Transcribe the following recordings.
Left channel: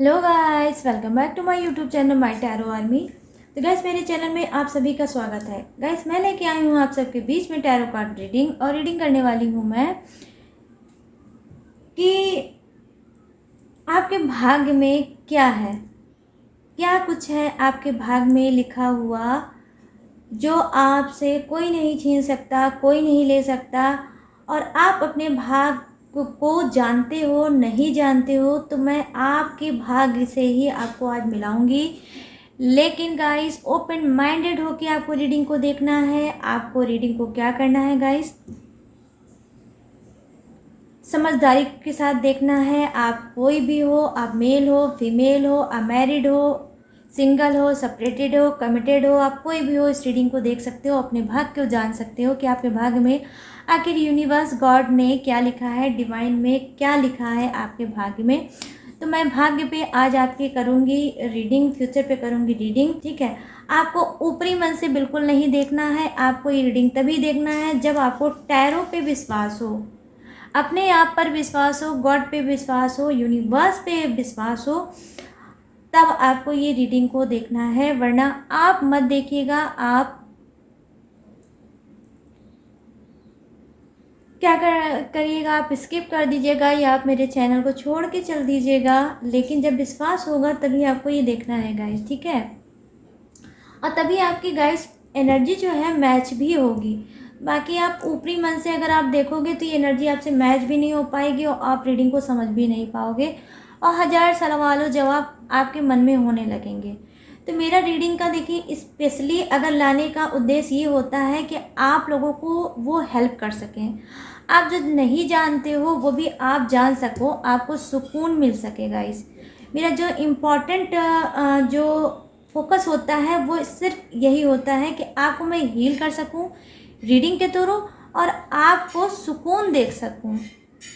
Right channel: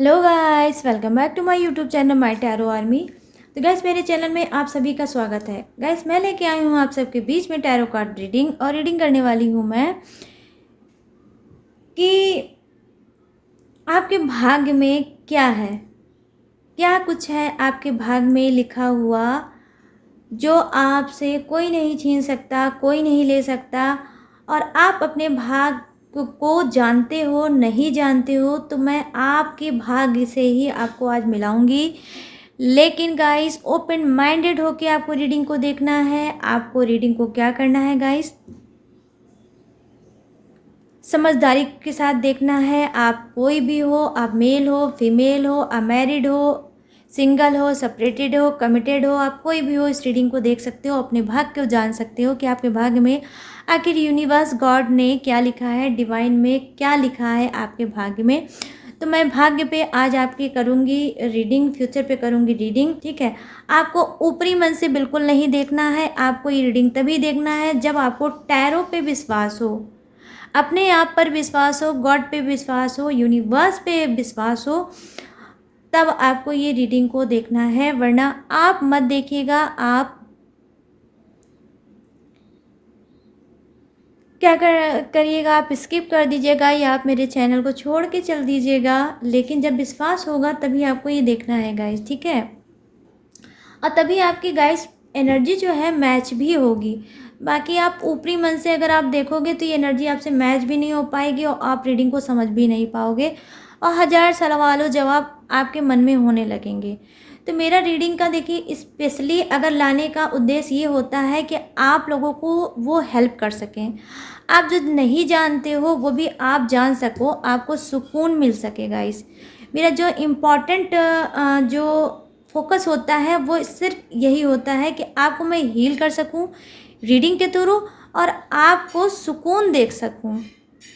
Hello guys, welcome back to my YouTube channel my tarot army. तो guys, मेरे channel में आप सभी का स्वागत है। गाइस, मैं लेके आई हूँ आप सबके बीच में टैरो कार्ड रीडिंग, और रीडिंग करने वाली हूँ मैं कि आपके भाग्य में क्या है, क्या कुछ है आपके भाग्य में लिखा हुआ जो आपसे कोई नहीं छीन सकता, कोई नहीं ले सकता। और आप अपने भाग्य को जानते हो नहीं जानते हो, तो मैं आपके भाग्य से ही आपको आज मिलाऊंगी। लेकिन गाइस, ओपन माइंडेड होके आपको रीडिंग को देखना है। आपको रीडिंग को क्या करना है गाइस, समझदारी के साथ देखना है। आप कोई भी हो, आप मेल हो, फीमेल हो, अनमैरिड हो, सिंगल हो, सेपरेटेड हो, कमिटेड हो, आप कोई भी हो, इस रीडिंग को देख सकते हो। अपने भाग्य को जान सकते हो कि आपके भाग्य में आखिर यूनिवर्स गॉड ने क्या लिखा है, डिवाइन में क्या लिखा है आपके भाग्य में। तो मैं भाग्य पे आज आपकी करूँगी रीडिंग, फ्यूचर पे करूँगी रीडिंग, ठीक है। आपको ऊपरी मन से बिल्कुल नहीं देखना है। आपको ये रीडिंग तभी देखना है जब आपको टैरो पे विश्वास हो, अपने आप पर विश्वास हो, गॉड पे विश्वास हो, यूनिवर्स पे विश्वास हो, तब आपको ये रीडिंग को देखना है। वरना आप मत देखिएगा। आप क्या करिएगा, आप स्किप कर दीजिएगा या आप मेरे चैनल को छोड़ के चल दीजिएगा। लेकिन जब विश्वास होगा तभी आपको ये देखना है गाइस, ठीक है। और तभी आपकी गाइस एनर्जी जो है मैच भी होगी। बाकी आप ऊपरी मन से अगर आप देखोगे तो ये एनर्जी आपसे मैच भी नहीं हो पाएगी और आप रीडिंग को समझ भी नहीं पाओगे, और हज़ार सवालों जवाब आपके मन में होने लगेंगे। तो मेरा रीडिंग का देखिए, स्पेशली अगर लाने का उद्देश्य ये होता है कि आप लोगों को वो हेल्प कर सकें। आप जो नहीं जानते हो वो भी आप जान सको, आपको सुकून मिल सकेगा। इस मेरा जो इम्पोर्टेंट जो फोकस होता है वो सिर्फ यही होता है कि आपको मैं हील कर सकूं रीडिंग के थ्रू, और आपको सुकून देख सकूं,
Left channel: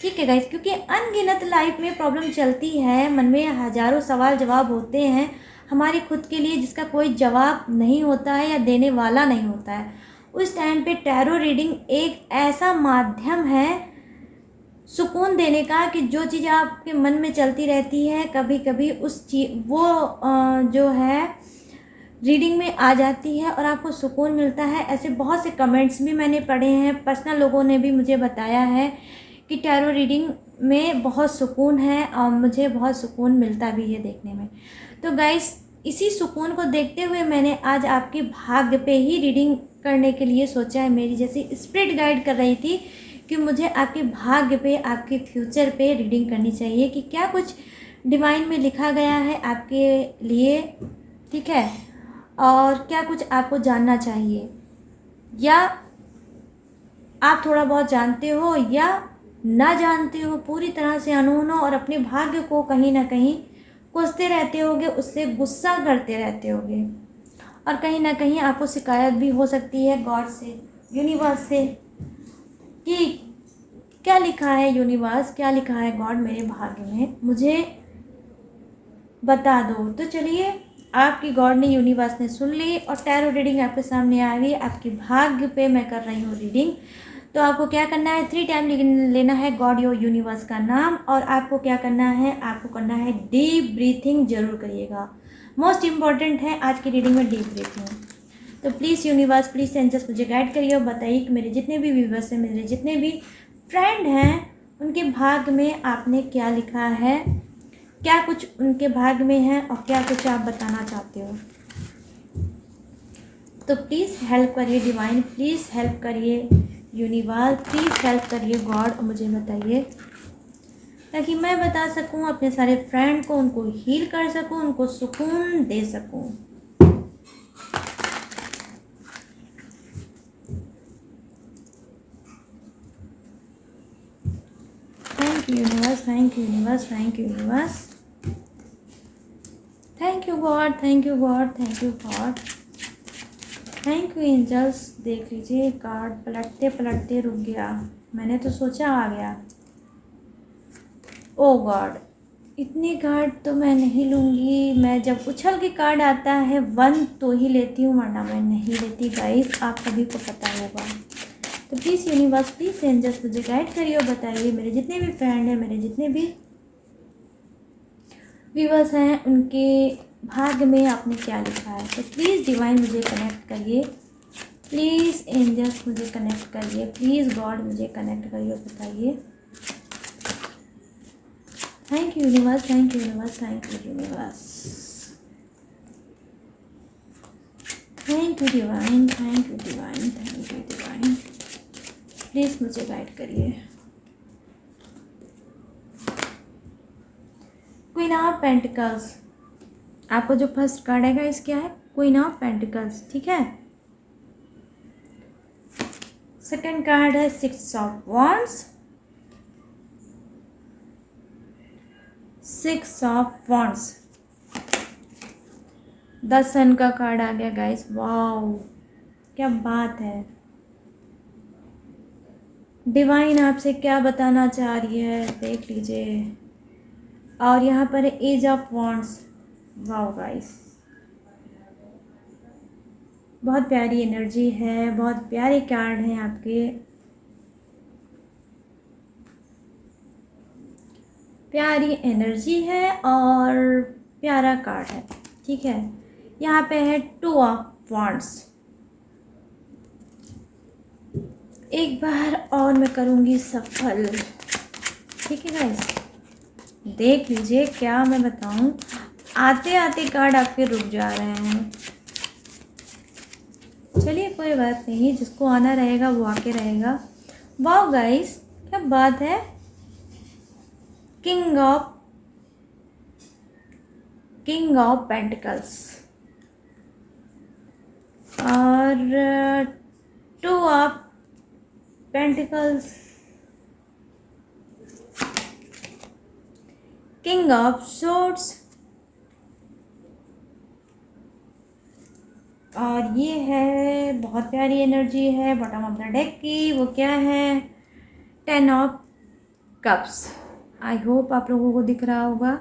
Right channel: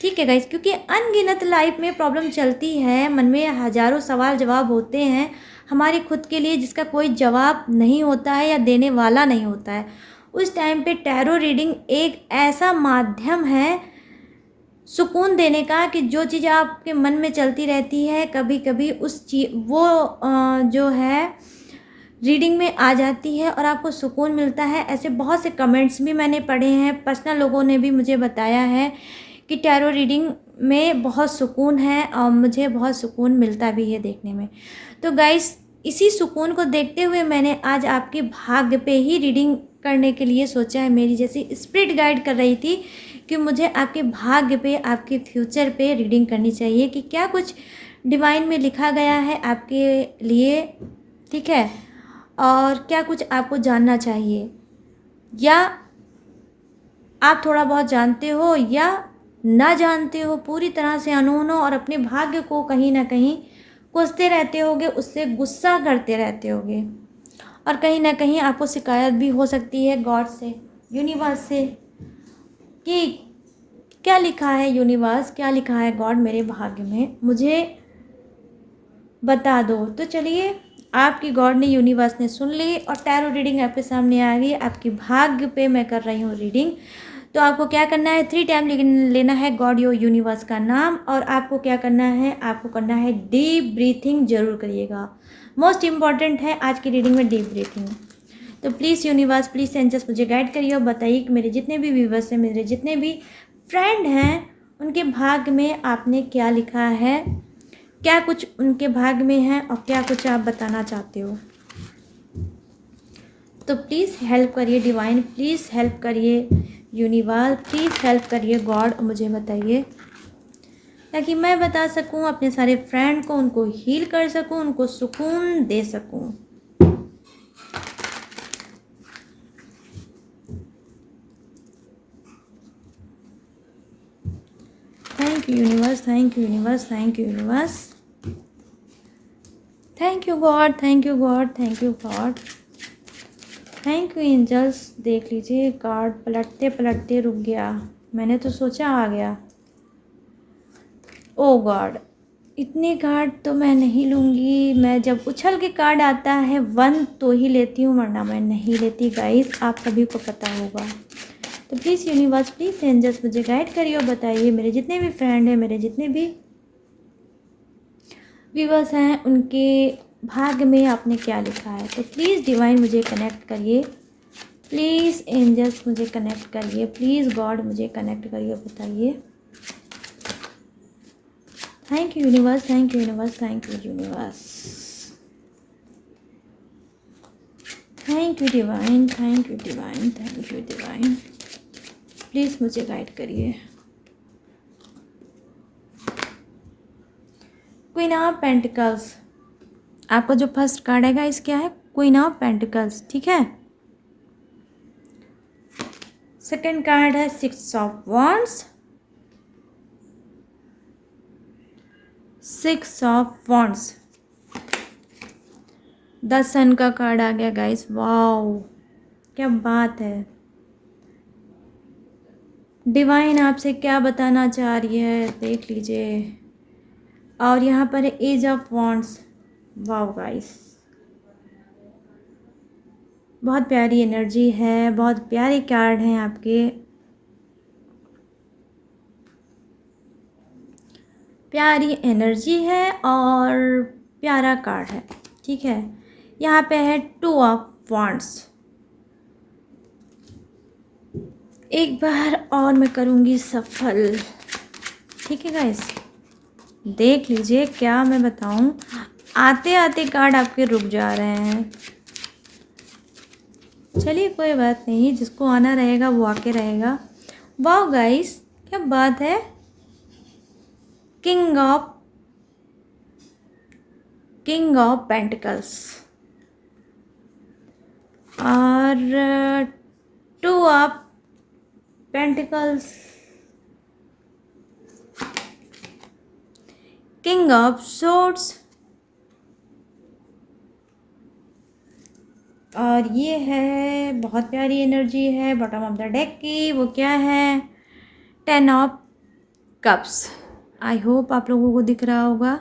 ठीक है गाइस। क्योंकि अनगिनत लाइफ में प्रॉब्लम चलती है, मन में हजारों सवाल जवाब होते हैं हमारे खुद के लिए, जिसका कोई जवाब नहीं होता है या देने वाला नहीं होता है। उस टाइम पे टैरो रीडिंग एक ऐसा माध्यम है सुकून देने का कि जो चीज़ आपके मन में चलती रहती है, कभी कभी उस चीज वो जो है रीडिंग में आ जाती है और आपको सुकून मिलता है। ऐसे बहुत से कमेंट्स भी मैंने पढ़े हैं, पर्सनल लोगों ने भी मुझे बताया है कि टैरो रीडिंग में बहुत सुकून है और मुझे बहुत सुकून मिलता भी है देखने में। तो गाइस, इसी सुकून को देखते हुए मैंने आज आपके भाग्य पे ही रीडिंग करने के लिए सोचा है। मेरी जैसी स्पिरिट गाइड कर रही थी कि मुझे आपके भाग्य पे, आपके फ्यूचर पे रीडिंग करनी चाहिए कि क्या कुछ डिवाइन में लिखा गया है आपके लिए, ठीक है। और क्या कुछ आपको जानना चाहिए, या आप थोड़ा बहुत जानते हो या ना जानते हो, पूरी तरह से अनून हो और अपने भाग्य को कहीं ना कहीं कोसते रहते होगे, उससे गुस्सा करते रहते होगे, और कहीं ना कहीं आपको शिकायत भी हो सकती है गॉड से, यूनिवर्स से, कि क्या लिखा है यूनिवर्स, क्या लिखा है गॉड मेरे भाग्य में, मुझे बता दो। तो चलिए, आपकी गॉड ने, यूनिवर्स ने सुन ली और टैरो रीडिंग आपके सामने आ गई। आपके भाग्य पे मैं कर रही हूँ रीडिंग। तो आपको क्या करना है, 3 टाइम लेना है गॉड योर यूनिवर्स का नाम, और आपको क्या करना है, आपको करना है डीप ब्रीथिंग जरूर करिएगा। मोस्ट इम्पॉर्टेंट है आज की रीडिंग में डीप ब्रीथिंग। तो प्लीज़ यूनिवर्स, प्लीज़ एंजल्स, मुझे गाइड करिए और बताइए कि मेरे जितने भी व्यूवर्स हैं, मेरे जितने भी फ्रेंड हैं, उनके भाग्य में आपने क्या लिखा है, क्या कुछ उनके भाग्य में है और क्या कुछ आप बताना चाहते हो। तो प्लीज़ हेल्प करिए डिवाइन, प्लीज़ हेल्प करिए यूनिवर्स, प्लीज़ हेल्प करिए गॉड, मुझे बताइए ताकि मैं बता सकूं अपने सारे फ्रेंड को, उनको हील कर सकूं, उनको सुकून दे सकूं। Thank you universe, thank you universe, thank you universe, thank you God, thank you God, thank you God, thank you angels. देख लीजिए, कार्ड पलटते पलटते रुक गया, मैंने तो सोचा आ गया। ओ गॉड, इतने कार्ड तो मैं नहीं लूँगी। मैं जब उछल के कार्ड आता है 1 तो ही लेती हूँ, वरना मैं नहीं लेती गाइस, आप सभी को पता होगा। तो प्लीज़ यूनिवर्स, प्लीज़ एंजल्स, मुझे गाइड करिए और बताइए मेरे जितने भी फ्रेंड हैं, मेरे जितने भी व्यूअर्स हैं उनके भाग्य में आपने क्या लिखा है। तो प्लीज़ डिवाइन मुझे कनेक्ट करिए, प्लीज़ एंजल्स मुझे कनेक्ट करिए, प्लीज़ गॉड मुझे कनेक्ट करिए और बताइए। Thank you universe, thank you universe, thank you universe, thank you divine, thank you divine, thank you divine. Please मुझे गाइड करिए। क्वीन ऑफ पेंटिकल्स, आपका जो फर्स्ट कार्ड है गाइस क्या है? क्वीन ऑफ पेंटिकल्स, ठीक है। सेकंड कार्ड है six of wands, six of wands. The sun का कार्ड आ गया गाइस, वाओ क्या बात है। डिवाइन आपसे क्या बताना चाह रही है देख लीजिए। और यहाँ पर ace of wands, wow guys बहुत प्यारी एनर्जी है, बहुत प्यारे कार्ड हैं आपके, प्यारी एनर्जी है और प्यारा कार्ड है, ठीक है। यहाँ पे है टू ऑफ वॉन्ड्स। एक बार और मैं करूँगी सफल, ठीक है गाइस। देख लीजिए क्या मैं बताऊँ, आते आते कार्ड आपके रुक जा रहे हैं। चलिए कोई बात नहीं, जिसको आना रहेगा वो आके रहेगा। वाओ गाइस क्या बात है। किंग ऑफ पेंटिकल्स और two of pentacles, king of swords और ये है बहुत प्यारी एनर्जी है बॉटम ऑफ द डेक की, वो क्या है? Ten of cups. I hope आप लोगों को दिख रहा होगा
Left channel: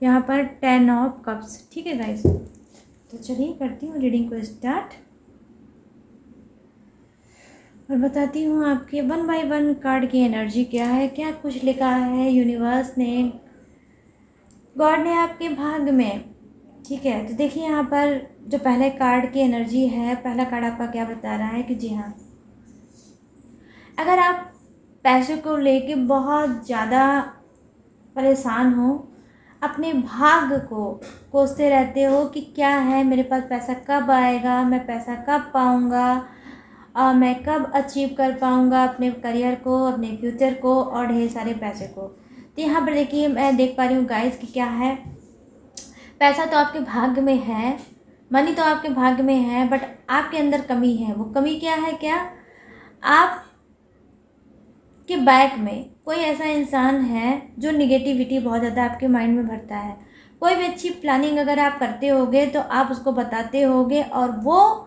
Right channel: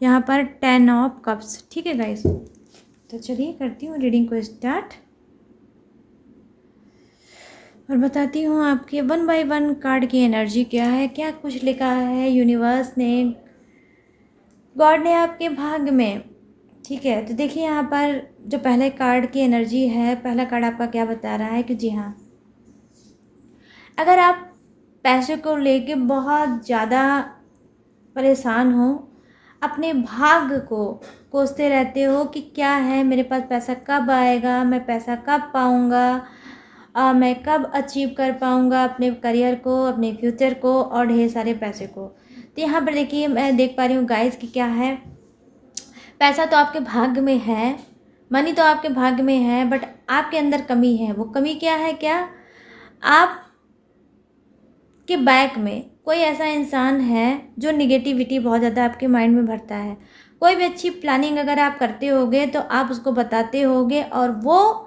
यहाँ पर टेन ऑफ कप्स, ठीक है गाइस। तो चलिए करती हूँ रीडिंग को स्टार्ट और बताती हूँ आपके वन बाय वन कार्ड की एनर्जी क्या है, क्या कुछ लिखा है यूनिवर्स ने, गॉड ने आपके भाग्य में, ठीक है। तो देखिए यहाँ पर जो पहले कार्ड की एनर्जी है, पहला कार्ड आपका क्या बता रहा है कि जी हाँ, अगर आप पैसे को लेके बहुत ज़्यादा परेशान हो, अपने भाग्य को कोसते रहते हो कि क्या है, मेरे पास पैसा कब आएगा, मैं पैसा कब पाऊँगा, मैं कब अचीव कर पाऊँगा अपने करियर को, अपने फ्यूचर को और ढेर सारे पैसे को। तो यहाँ पर देखिए मैं देख पा रही हूँ गाइस कि क्या है, पैसा तो आपके भाग्य में है, मनी तो आपके भाग्य में है, बट आपके अंदर कमी है। वो कमी क्या है? क्या आप के बैक में कोई ऐसा इंसान है जो निगेटिविटी बहुत ज़्यादा आपके माइंड में भरता है। कोई भी अच्छी प्लानिंग अगर आप करते होगे तो आप उसको बताते होगे और वो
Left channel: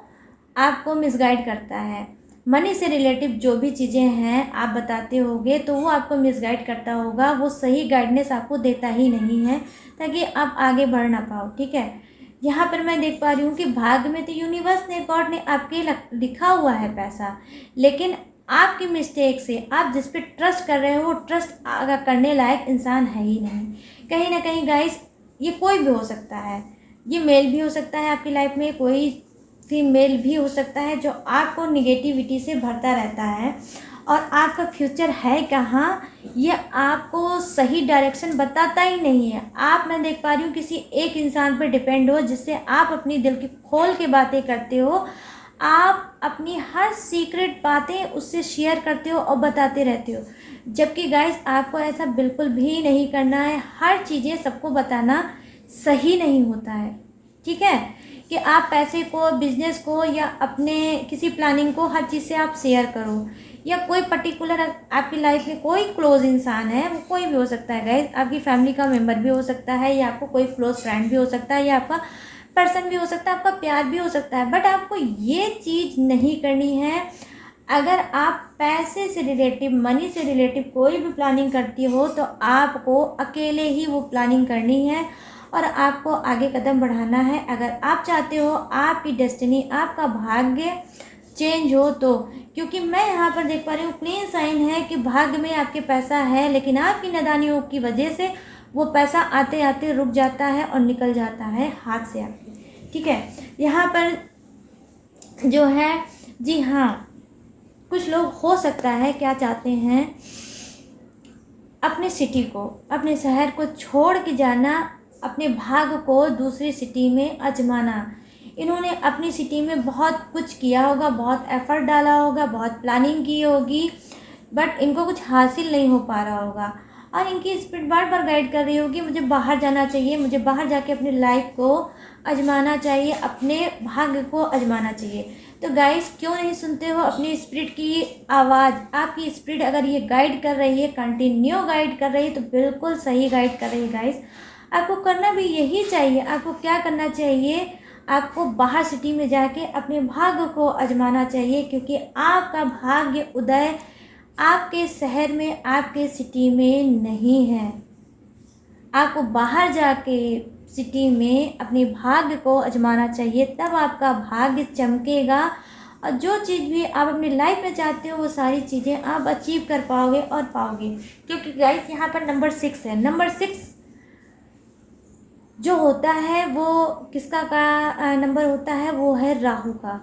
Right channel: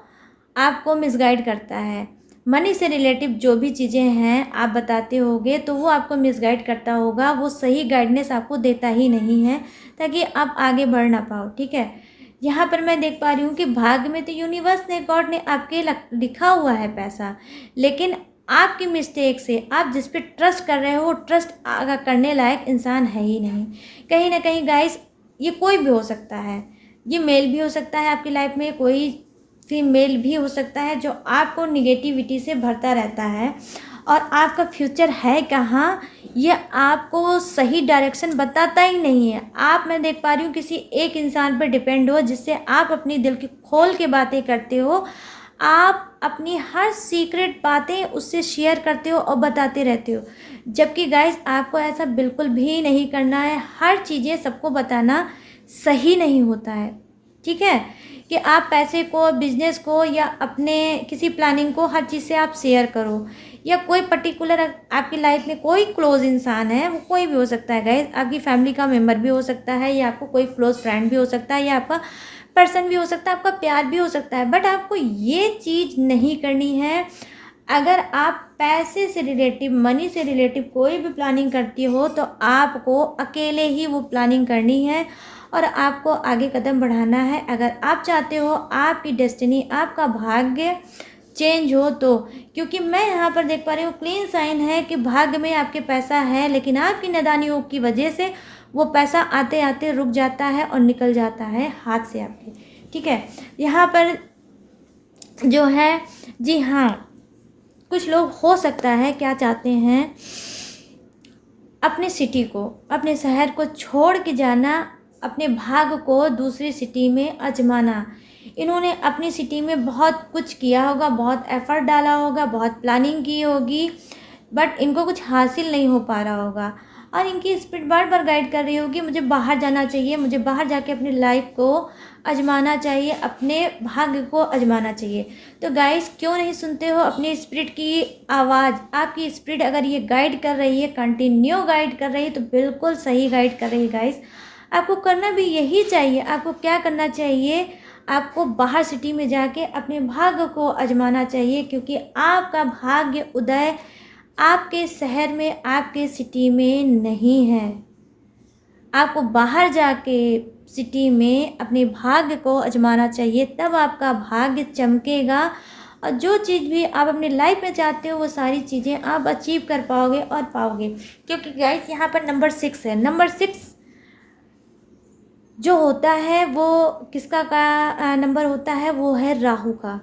आपको मिसगाइड करता है। मनी से रिलेटिव जो भी चीज़ें हैं आप बताते होगे तो वो आपको मिसगाइड करता होगा, वो सही गाइडेंस आपको देता ही नहीं है ताकि आप आगे बढ़ ना पाओ, ठीक है। यहाँ पर मैं देख पा रही हूँ कि भाग्य में तो यूनिवर्स ने, गॉड ने आपके लिखा हुआ है पैसा, लेकिन आपकी मिस्टेक से आप जिस पे ट्रस्ट कर रहे हो वो ट्रस्ट आगे करने लायक इंसान है ही नहीं। कहीं ना कहीं गाइस ये कोई भी हो सकता है, ये मेल भी हो सकता है आपकी लाइफ में, कोई फीमेल भी हो सकता है जो आपको निगेटिविटी से भरता रहता है और आपका फ्यूचर है कहाँ ये आपको सही डायरेक्शन बताता ही नहीं है। आप, मैं देख पा रही हूँ, किसी एक इंसान पर डिपेंड हो जिससे आप अपनी दिल की खोल के बातें करते हो, आप अपनी हर सीक्रेट बातें उससे शेयर करते हो और बताते रहते हो, जबकि गाइस आपको ऐसा बिल्कुल भी नहीं करना है। हर चीज़ें सबको बताना सही नहीं होता है, ठीक है, कि आप पैसे को, बिजनेस को या अपने किसी प्लानिंग को हर चीज़ से आप शेयर करो, या कोई पर्टिकुलर आपकी लाइफ में कोई क्लोज इंसान है, वो कोई भी हो सकता है गाइस, आपकी फैमिली का मेम्बर भी हो सकता है, या आपको कोई क्लोज फ्रेंड भी हो सकता है, या आपका पर्सन भी हो सकता है, आपका प्यार भी हो सकता है, बट आपको ये चीज़ नहीं करनी है। अगर आप पैसे से रिलेटिव, मनी से रिलेटिव कोई भी प्लानिंग करती हो तो आपको अकेले ही वो प्लानिंग करनी है और आपको आगे कदम बढ़ाना है। अगर आप चाहते हो आपकी डेस्टिनी, आपका भाग्य चेंज हो तो, क्योंकि मैं यहाँ पर देख पा रही हूँ क्लीन साइन है कि भाग्य में आपके पैसा है, लेकिन आपकी नादानियों की वजह से वो पैसा आते आते रुक जाता है और निकल जाता है हाथ से आपके, ठीक है। यहाँ पर जो है, जी हाँ, कुछ लोग हो सकता है क्या चाहते हैं, अपने सिटी को, अपने शहर को छोड़ के जाना, अपने भाग को दूसरी सिटी में आजमाना। इन्होंने अपनी सिटी में बहुत कुछ किया होगा, बहुत एफर्ट डाला होगा, बहुत प्लानिंग की होगी, बट इनको कुछ हासिल नहीं हो पा रहा होगा और इनकी स्पिरिट बार बार गाइड कर रही होगी, मुझे बाहर जाना चाहिए, मुझे बाहर जाके अपनी लाइफ को आजमाना चाहिए, अपने भाग्य को आजमाना चाहिए। तो गाइस, क्यों नहीं सुनते हो अपनी स्पिरिट की आवाज़? आपकी स्पिरिट अगर ये गाइड कर रही है, कंटिन्यू गाइड कर रही है, तो बिल्कुल सही गाइड कर रही है गाइस। आपको करना भी यही चाहिए। आपको क्या करना चाहिए? आपको बाहर सिटी में जाके अपने भाग्य को आजमाना चाहिए, क्योंकि आपका भाग्य उदय आपके शहर में, आपके सिटी में नहीं है। आपको बाहर जाके सिटी में अपने भाग्य को आजमाना चाहिए, तब आपका भाग्य चमकेगा और जो चीज़ भी आप अपनी लाइफ में चाहते हो वो सारी चीज़ें आप अचीव कर पाओगे और पाओगे। क्योंकि गाइस, यहाँ पर नंबर 6 है। नंबर 6 जो होता है वो किसका का नंबर होता है? वो है राहु का,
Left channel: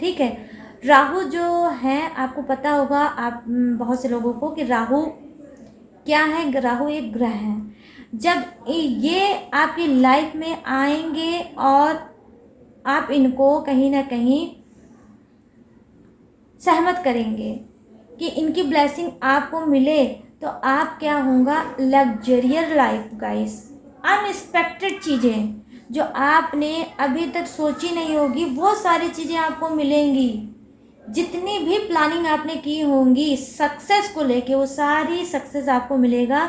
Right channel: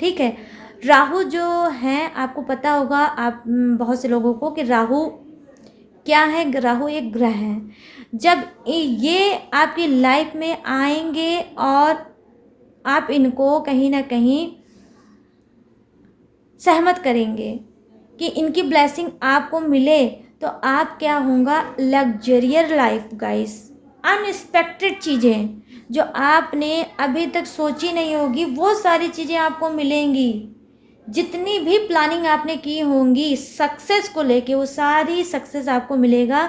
ठीक है। राहु जो है, आपको पता होगा, आप बहुत से लोगों को, कि राहु क्या है? राहु एक ग्रह है। जब ये आपकी लाइफ में आएंगे और आप इनको कहीं ना कहीं सहमत करेंगे कि इनकी ब्लेसिंग आपको मिले, तो आप क्या होगा? लग्जरियर लाइफ गाइस, अनएक्सपेक्टेड चीज़ें जो आपने अभी तक सोची नहीं होगी, वो सारी चीज़ें आपको मिलेंगी। जितनी भी प्लानिंग आपने की होंगी सक्सेस को लेके, वो सारी सक्सेस आपको मिलेगा।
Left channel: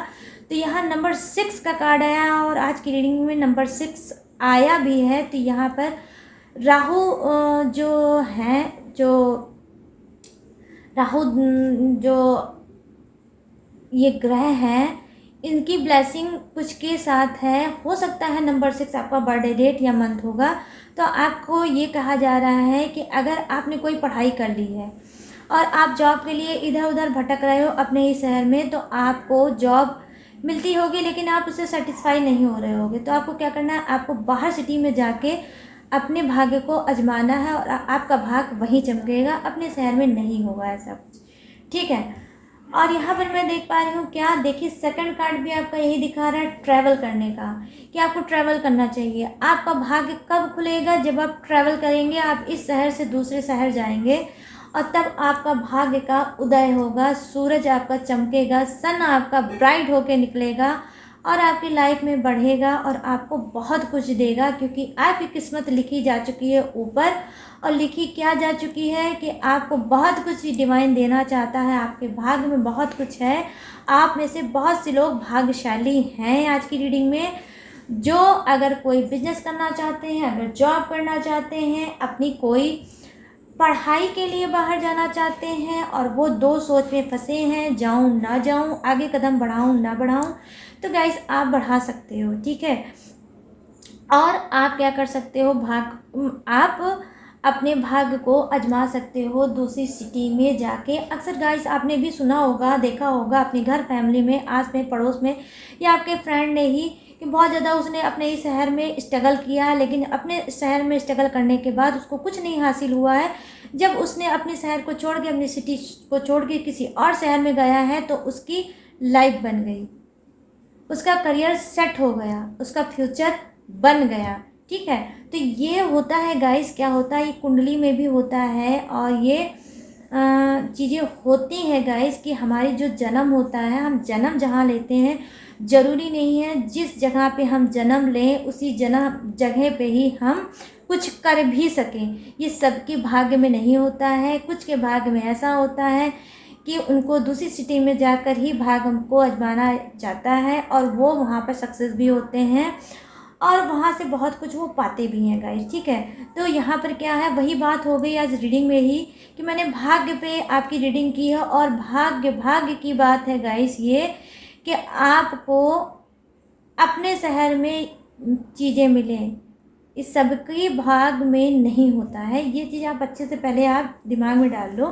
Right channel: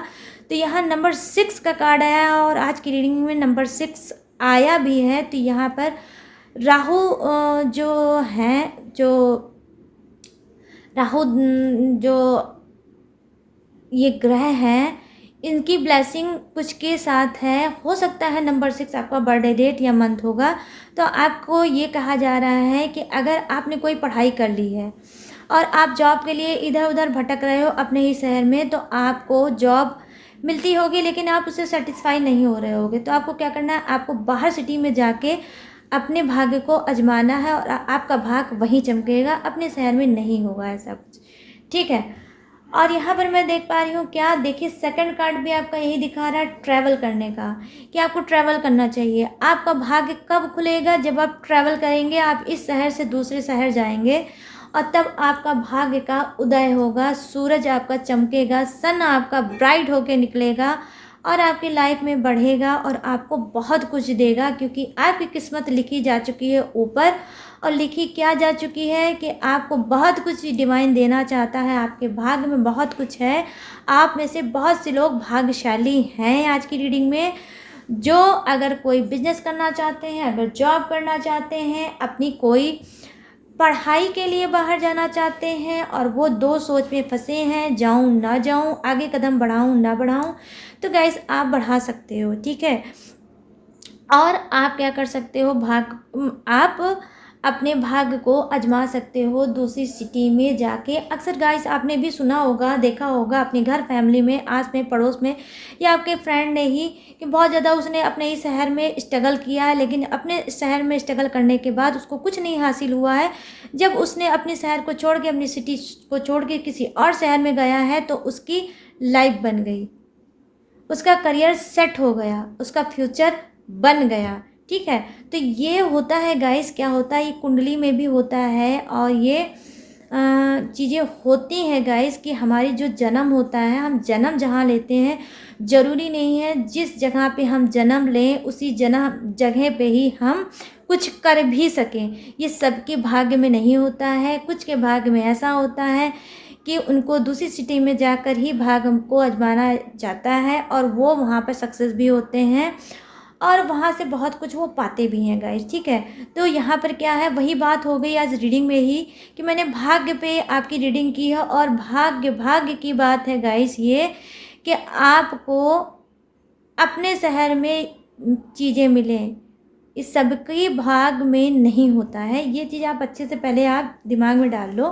तो यहाँ नंबर 6 का कार्ड आया और आज की रीडिंग में नंबर 6 आया भी है। तो यहाँ पर राहु जो है, जो राहु जो ये ग्रह हैं, इनकी ब्लेसिंग कुछ के साथ है। हो सकता है नंबर 6 आपका बर्थडे डेट या मंथ होगा। तो आपको ये कहा जा रहा है कि अगर आपने कोई पढ़ाई कर ली है और आप जॉब के लिए इधर उधर भटक रहे हो अपने ही शहर में, तो आपको जॉब मिलती होगी लेकिन आप उससे सेटिस्फाई नहीं हो रहे होगे। तो आपको क्या करना है? आपको बाहर सिटी में जाके अपने भाग्य को आजमाना है और आपका भाग वहीं चमकेगा, अपने शहर में नहीं होगा ऐसा कुछ, ठीक है। और यहाँ पर मैं देख पा रही हूँ, क्या देखिए, सेकंड कार्ड भी आपका यही दिखा रहा है, ट्रैवल करने का, कि आपको ट्रैवल करना चाहिए। आपका भाग्य कब खुलेगा? जब आप ट्रैवल करेंगे, आप इस शहर से दूसरे शहर जाएंगे और तब आपका भाग्य का उदय होगा, सूरज आपका चमकेगा, सन आपका ब्राइट होके निकलेगा और आपकी लाइफ में बढ़ेगा और आपको बहुत कुछ देगा। क्योंकि आपकी किस्मत लिखी जा चुकी है ऊपर, और लिखी क्या जा चुकी है कि आपको बहुत कुछ डिवाइन देना चाहता है, आपके भाग्य में बहुत कुछ है। आप में से बहुत से लोग भाग्यशाली हैं आज की रीडिंग में, जो अगर कोई बिजनेस करना चाहते हैं, अगर जॉब करना चाहते हैं, अपनी कोई पढ़ाई के लिए बाहर जाना चाहते हैं और वो दो सोच में फंसे हैं, जाऊं ना जाऊं, आगे कदम बढ़ाऊं ना बढ़ाऊं, तो गाइस आप बढ़ा सकते हो, ठीक है। और आप क्या कर सकते हो? आप अपने भाग्य को आजमा सकते हो दूसरी सिटी में जाके। अक्सर गाइस आपने भी सुना होगा, देखा होगा अपने घर, फैमिली में, आस में, पड़ोस में, या आपके फ्रेंड ने ही, कि बहुत ज़्यादा उसने अपने ही शहर में स्ट्रगल किया है, लेकिन अपने शहर में स्ट्रगल करने के बाद उसको कुछ नहीं हासिल हुआ है। जब उसने अपने शहर को छोड़ के, अपनी सिटी को छोड़ के किसी और शहर में गया है, तो उसकी लाइफ बन गई, उसका करियर सेट हो गया, उसका फ्यूचर बन गया, ठीक है। तो ये होता है गाइस, क्या होता है, ये कुंडली में भी होता है और ये चीज़ें होती हैं गाइस, कि हमारी जो जन्म होता है, हम जन्म जहाँ लेते हैं, ज़रूरी नहीं है जिस जगह पे हम जन्म लें उसी जगह पे ही हम कुछ कर भी सकें। ये सबके भाग्य में नहीं होता है। कुछ के भाग्य में ऐसा होता है कि उनको दूसरी सिटी में जाकर ही भाग्य को आजमाना जाता है और वो वहाँ पर सक्सेस भी होते हैं और वहाँ से बहुत कुछ वो पाते भी हैं गाइस, ठीक है। तो यहाँ पर क्या है, वही बात हो गई आज रीडिंग में ही, कि मैंने भाग्य पे आपकी रीडिंग की है। और भाग्य की बात है गाइस ये, कि आपको अपने शहर में चीज़ें मिलें, इस सबके भाग में नहीं होता है। ये चीज़ आप अच्छे से पहले आप दिमाग में डाल लो।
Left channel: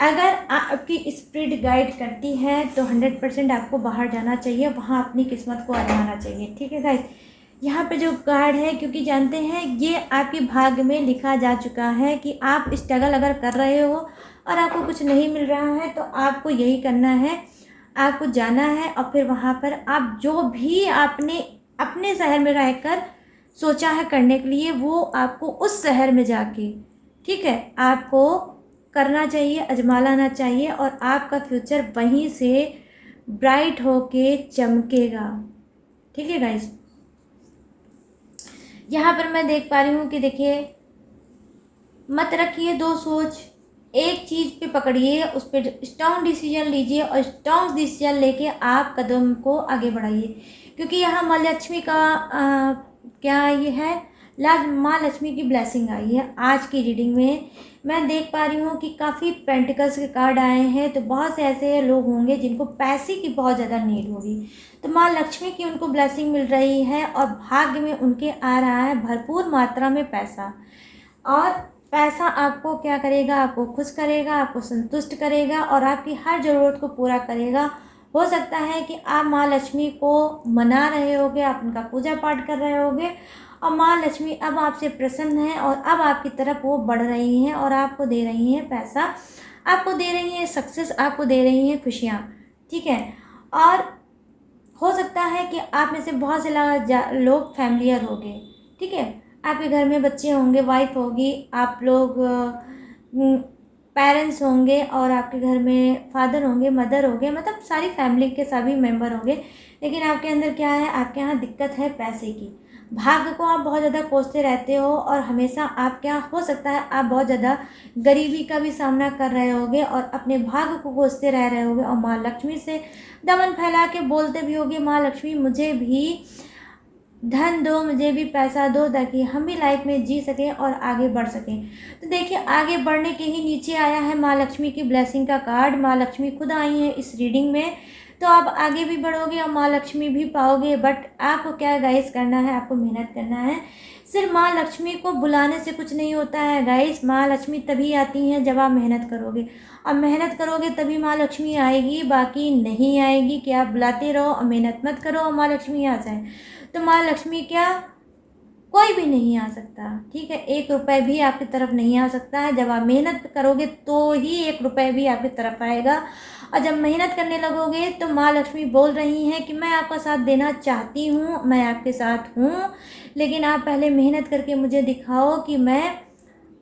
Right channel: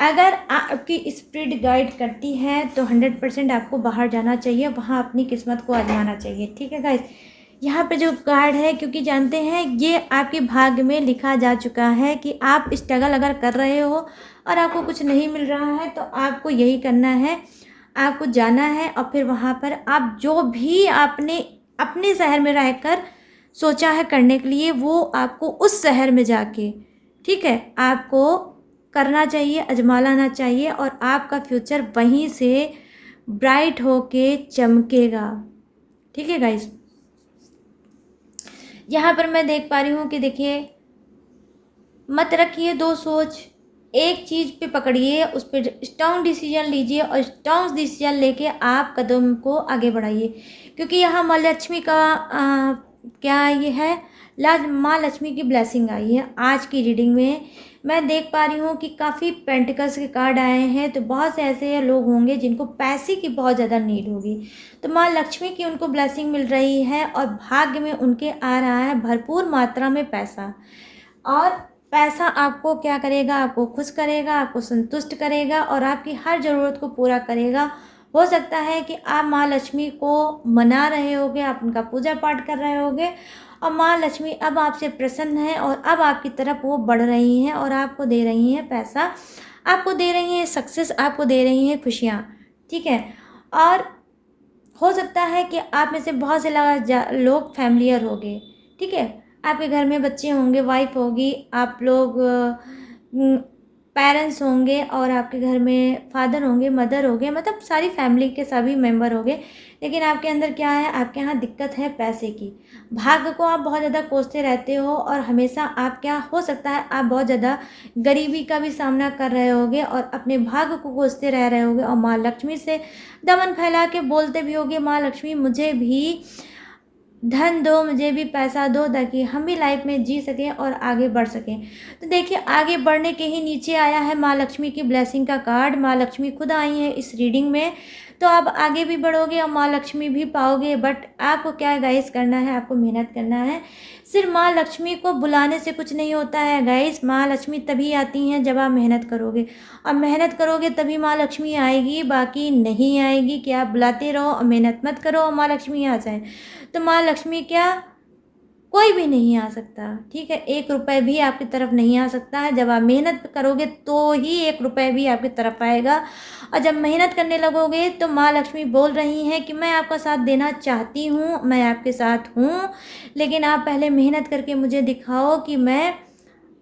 अगर आपकी स्पिरिट गाइड करती है तो 100% आपको बाहर जाना चाहिए, वहाँ अपनी किस्मत को आजमाना चाहिए। ठीक है गाइस, यहाँ पे जो कार्ड है, क्योंकि जानते हैं ये आपके भाग्य में लिखा जा चुका है कि आप स्ट्रगल अगर कर रहे हो और आपको कुछ नहीं मिल रहा है तो आपको यही करना है, आपको जाना है और फिर वहाँ पर आप जो भी आपने अपने शहर में रहकर सोचा है करने के लिए वो आपको उस शहर में जाके, ठीक है, आपको करना चाहिए, आजमा लाना चाहिए और आपका फ्यूचर वहीं से ब्राइट होके चमकेगा। ठीक है गाइस, यहाँ पर मैं देख पा रही हूँ कि देखिए, मत रखिए दो सोच, एक चीज़ पे पकड़िए, उस पर स्ट्रॉन्ग डिसीजन लीजिए और स्ट्रॉन्ग डिसीजन लेके आप कदम को आगे बढ़ाइए। क्योंकि यहाँ माँ लक्ष्मी का क्या ये है, माँ लक्ष्मी की ब्लेसिंग आई है। आज की रीडिंग में मैं देख पा रही हूँ कि काफ़ी पेंटिकल्स के कार्ड आए हैं, तो बहुत से ऐसे लोग होंगे जिनको पैसे की बहुत ज़्यादा नीड होगी, तो माँ लक्ष्मी की उनको ब्लेसिंग मिल रही है और भाग्य में उनके आ रहा है भरपूर मात्रा में पैसा। और पैसा आपको क्या करेगा, आपको खुश करेगा, आपको संतुष्ट करेगा और आपकी हर ज़रूरत को पूरा करेगा। हो सकता है कि आप माँ लक्ष्मी को मना रहे होगे, आप उनका पूजा पाठ कर रहे होगे और माँ लक्ष्मी अब आपसे प्रसन्न है और अब आपकी तरफ वो बढ़ रही हैं और आपको दे रही हैं पैसा, आपको दे रही हैं सक्सेस, आपको दे रही हैं खुशियाँ। ठीक है, और हो सकता है कि आप में से बहुत से लोग फैमिलियर होंगे। ठीक है, आपके घर में बच्चे होंगे, वाइफ होगी, आप लोग पेरेंट्स होंगे और आपके घर में फादर होंगे, मदर होंगे, मतलब सारी फैमिली के सभी मेंबर होंगे। लेकिन आपके अंदर क्या है, आपके यहाँ दिक्कत है पैसे की। भाग्य को आप बहुत ज़्यादा कोसते रहते हो और हमेशा आप क्या हो सकता है, आप बहुत ज़्यादा गरीबी का भी सामना कर रहे होगे और अपने भाग्य को कोसते रह रहे होगे और माँ लक्ष्मी से दमन फैला के बोलते भी होगे, माँ लक्ष्मी मुझे भी धन दो, मुझे भी पैसा दो, ताकि हम भी लाइफ में जी सकें और आगे बढ़ सकें। तो देखिए, आगे बढ़ने के ही नीचे आया है माँ लक्ष्मी की ब्लेसिंग का कार्ड। माँ लक्ष्मी खुद आई है इस रीडिंग में, तो आप आगे भी बढ़ोगे और माँ लक्ष्मी भी पाओगे। बट आपको क्या गाइस करना है, आपको मेहनत करना है। सिर्फ माँ लक्ष्मी को बुलाने से कुछ नहीं होता है गाइस, माँ लक्ष्मी तभी आती हैं जब आप मेहनत करोगे और मेहनत करोगे तभी माँ लक्ष्मी आएगी, बाकी नहीं आएगी। कि आप बुलाते रहो और मेहनत मत करो और माँ लक्ष्मी आ जाए, तो माँ लक्ष्मी क्या, कोई भी नहीं आ सकता। ठीक है, 1 रुपये भी आपकी तरफ नहीं आ सकता है। जब आप मेहनत करोगे तो ही 1 रुपये भी आपकी तरफ आएगा। और जब मेहनत करने लगोगे तो माँ लक्ष्मी बोल रही हैं कि मैं आपका साथ देना चाहती हूँ, मैं आपके साथ हूँ, लेकिन आप पहले मेहनत करके मुझे दिखाओ कि मैं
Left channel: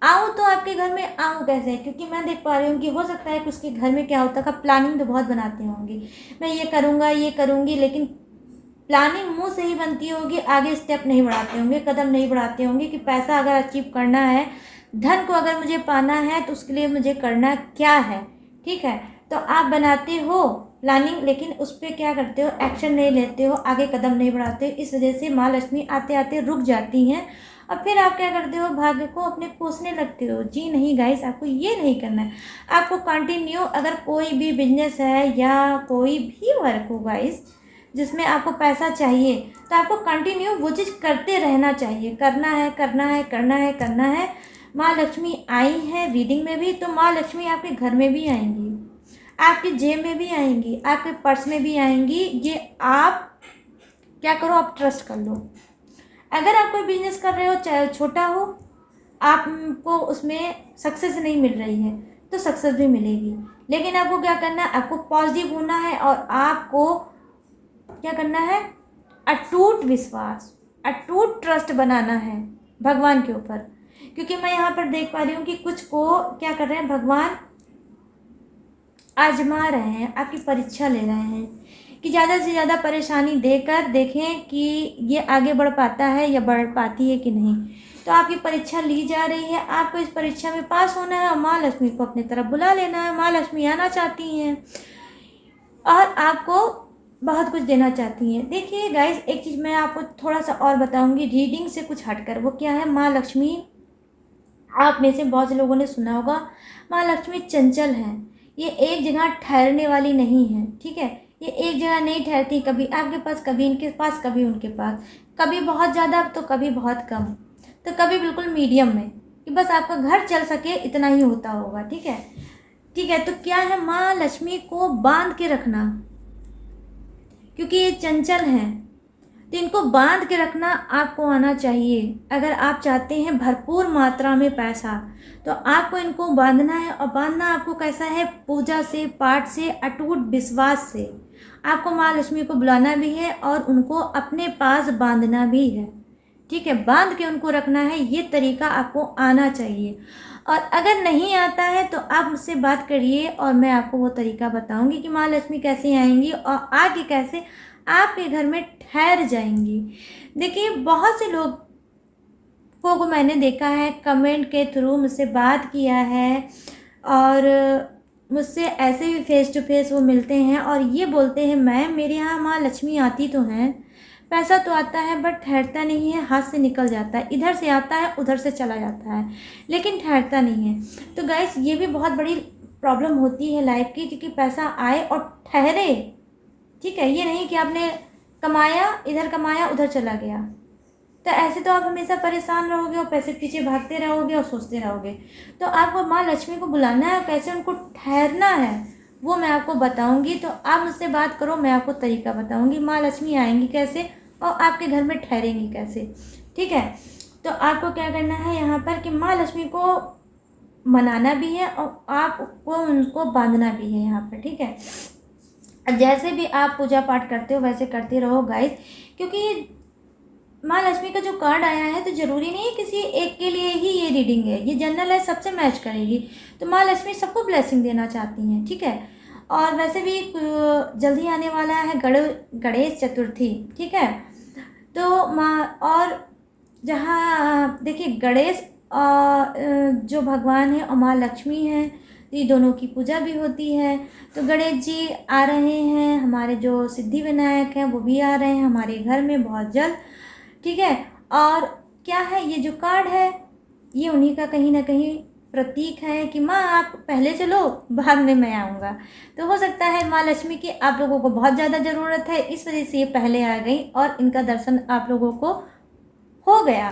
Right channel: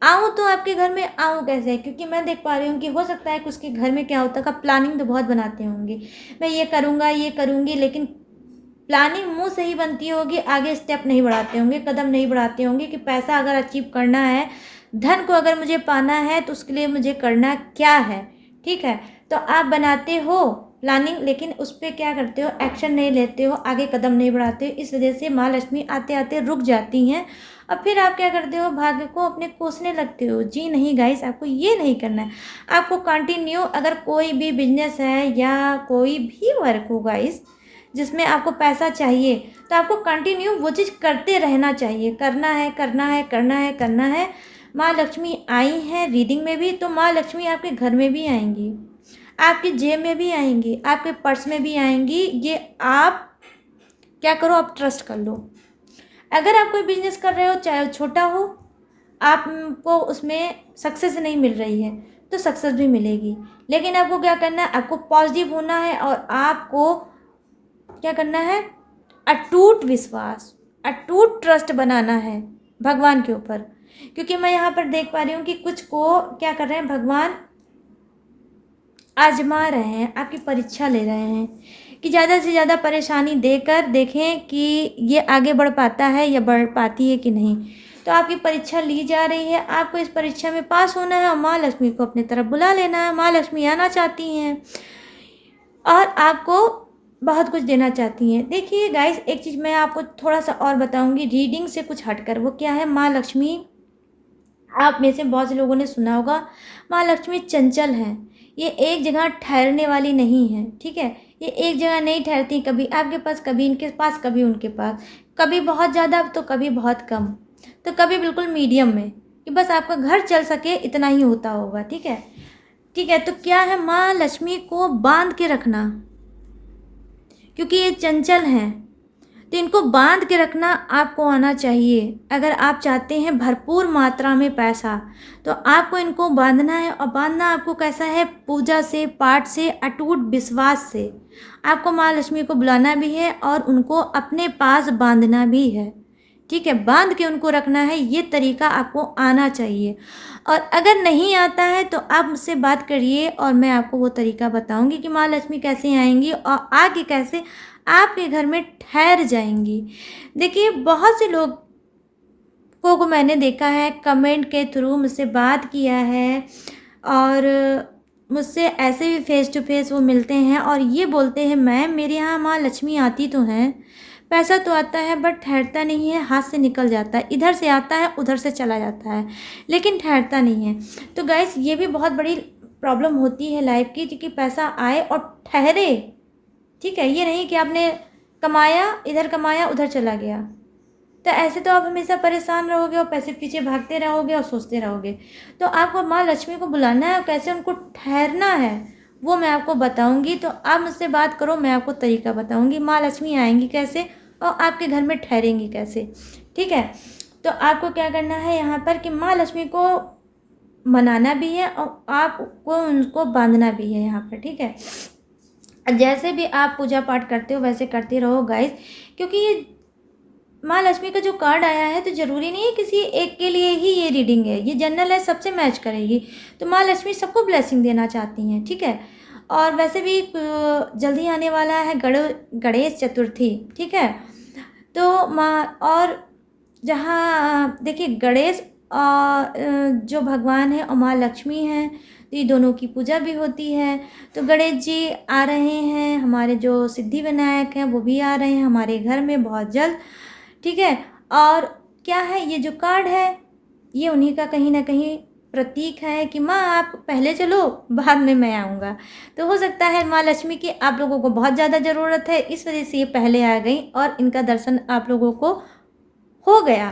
आऊँ तो आपके घर में आऊँ कैसे। क्योंकि मैं देख पा रही हूँ कि हो सकता है कि उसके घर में क्या होता है, प्लानिंग तो बहुत बनाते होंगे, मैं ये करूँगा, ये करूँगी, लेकिन प्लानिंग मुंह से ही बनती होगी, आगे स्टेप नहीं बढ़ाते होंगे, कदम नहीं बढ़ाते होंगे कि पैसा अगर अचीव करना है, धन को अगर मुझे पाना है तो उसके लिए मुझे करना क्या है। ठीक है, तो आप बनाते हो प्लानिंग, लेकिन उस पर क्या करते हो, एक्शन नहीं लेते हो, आगे कदम नहीं बढ़ाते हो। इस वजह से माँ लक्ष्मी आते आते रुक जाती हैं और फिर आप क्या करते हो, भाग्य को अपने कोसने लगते हो। जी नहीं गाइस, आपको ये नहीं करना है। आपको कंटिन्यू, अगर कोई भी बिजनेस है या कोई भी वर्क हो गाइस जिसमें आपको पैसा चाहिए, तो आपको कंटिन्यू वो चीज़ करते रहना चाहिए। करना है, करना है, करना है, करना है। माँ लक्ष्मी आई हैं रीडिंग में भी, तो माँ लक्ष्मी आपके घर में भी आएंगी, आपकी जेब में भी आएंगी, आपके पर्स में भी आएंगी। ये आप क्या करो, आप ट्रस्ट कर लो। अगर आप कोई बिजनेस कर रहे हो, चाहे छोटा हो, आपको उसमें सक्सेस नहीं मिल रही है तो सक्सेस भी मिलेगी, लेकिन आपको क्या करना है, आपको पॉजिटिव होना है और आपको क्या करना है, अटूट विश्वास, अटूट ट्रस्ट बनाना है भगवान के ऊपर। क्योंकि मैं यहाँ पर देख पा रही हूँ कि कुछ को क्या कर रहे हैं, भगवान आजमा रहे हैं, आपकी परीक्षा ले रहे हैं कि ज़्यादा से ज़्यादा परेशानी देकर देखें कि ये आगे बढ़ पाता है या बढ़ पाती है कि नहीं। तो आपकी परीक्षा ली जा रही है, आपको इस परीक्षा में पास होना है और माँ लक्ष्मी को अपनी तरफ बुला लेना है। माँ लक्ष्मी आना चाहती हैं और आपको बहुत कुछ देना चाहती हैं। देखिए गाइस, एक चीज़ मैं आपको ठोड़ा सा और बताऊंगी रीडिंग से कुछ हटकर, वो क्या है, माँ लक्ष्मी, आप में से बहुत से लोगों ने सुना होगा, माँ लक्ष्मी चंचल हैं। ये एक जगह ठहरने वाली नहीं है। ठीक है, ये एक जगह नहीं ठहरती, कभी आपके पास, कभी इनके पास, कभी उनके पास, कभी बहुत ज़्यादा तो कभी बहुत कम, तो कभी बिल्कुल मीडियम में, कि बस आपका घर चल सके इतना ही होता होगा। ठीक है, ठीक है। तो क्या है, माँ लक्ष्मी को बांध के रखना, क्योंकि ये चंचल हैं, तो इनको बांध के रखना आपको आना चाहिए। अगर आप चाहते हैं भरपूर मात्रा में पैसा, तो आपको इनको बांधना है। और बांधना आपको कैसा है, पूजा से, पाठ से, अटूट विश्वास से। आपको माँ लक्ष्मी को बुलाना भी है और उनको अपने पास बांधना भी है। ठीक है, बांध के उनको रखना है, ये तरीका आपको आना चाहिए। और अगर नहीं आता है तो आप मुझसे बात करिए और मैं आपको वो तरीका बताऊंगी कि माँ लक्ष्मी कैसे आएंगी और आके कैसे आपके घर में ठहर जाएंगी। देखिए, बहुत से लोगों को मैंने देखा है, कमेंट के थ्रू मुझसे बात किया है और मुझसे ऐसे भी फेस टू फेस वो मिलते हैं और ये बोलते हैं, मैम मेरे यहाँ माँ लक्ष्मी आती तो हैं, पैसा तो आता है बट ठहरता नहीं है, हाथ से निकल जाता है, इधर से आता है उधर से चला जाता है, लेकिन ठहरता नहीं है। तो गाइस, ये भी बहुत बड़ी प्रॉब्लम होती है लाइफ की, क्योंकि पैसा आए और ठहरे। ठीक है, ये नहीं कि आपने कमाया, इधर कमाया उधर चला गया, तो ऐसे तो आप हमेशा परेशान रहोगे और पैसे पीछे भागते रहोगे और सोचते रहोगे। तो आपको माँ लक्ष्मी को बुलाना है और कैसे उनको ठहरना है वो मैं आपको बताऊंगी। तो आप मुझसे बात करो, मैं आपको तरीका बताऊंगी माँ लक्ष्मी आएंगी कैसे और आपके घर में ठहरेंगी कैसे। ठीक है, तो आपको क्या करना है यहाँ पर कि माँ लक्ष्मी को मनाना भी है और आपको उनको बांधना भी है यहाँ पर। ठीक है, जैसे भी आप पूजा पाठ करते हो वैसे करते रहो गाइस, क्योंकि माँ लक्ष्मी का जो कार्ड आया है तो ज़रूरी नहीं है किसी एक के लिए ही ये रीडिंग है, ये जनरल है, सबसे मैच करेगी। तो माँ लक्ष्मी सबको ब्लेसिंग देना चाहती हैं। ठीक है, और वैसे भी जल्दी आने वाला है गणेश चतुर्थी। ठीक है, तो माँ और जहाँ देखिए गणेश जो भगवान है और माँ लक्ष्मी हैं, तो ये दोनों की पूजा भी होती है। तो गणेश जी आ रहे हैं, हमारे जो सिद्धि विनायक हैं वो भी आ रहे हैं हमारे घर में बहुत जल्द। ठीक है, और क्या है, ये जो कार्ड है ये उन्हीं का कहीं ना कहीं प्रतीक है कि माँ आप पहले चलो, बाद में मैं आऊँगा। तो हो सकता है माँ लक्ष्मी की आप लोगों को बहुत ज़्यादा ज़रूरत है, इस वजह से ये पहले आ गई और इनका दर्शन आप लोगों को हो गया।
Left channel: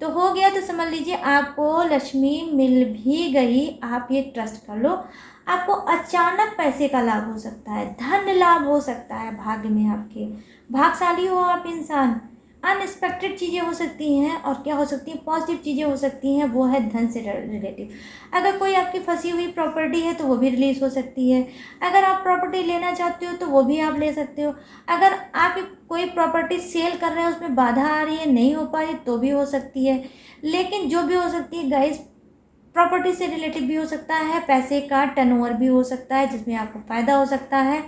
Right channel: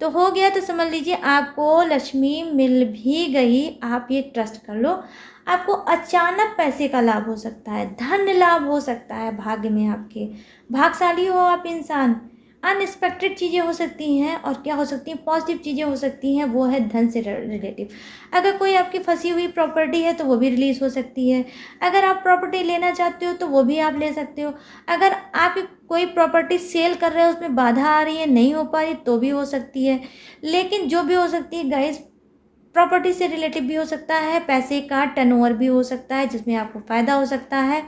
तो हो गया तो समझ लीजिए आपको लक्ष्मी मिल भी गई। आप ये ट्रस्ट कर लो, आपको अचानक पैसे का लाभ हो सकता है, धन लाभ हो सकता है, भाग्य में आपके भाग्यशाली हो आप इंसान। अनएक्सपेक्टेड चीज़ें हो सकती हैं और क्या हो सकती हैं, पॉजिटिव चीज़ें हो सकती हैं, वो है धन से रिलेटिव। अगर कोई आपकी फंसी हुई प्रॉपर्टी है तो वो भी रिलीज़ हो सकती है। अगर आप प्रॉपर्टी लेना चाहते हो तो वो भी आप ले सकते हो। अगर आप कोई प्रॉपर्टी सेल कर रहे हो उसमें बाधा आ रही है, नहीं हो पा रही, तो भी हो सकती है। लेकिन जो भी हो सकती है गाइस, प्रॉपर्टी से रिलेटिव भी हो सकता है, पैसे का टर्नओवर भी हो सकता है जिसमें आपको फ़ायदा हो सकता है,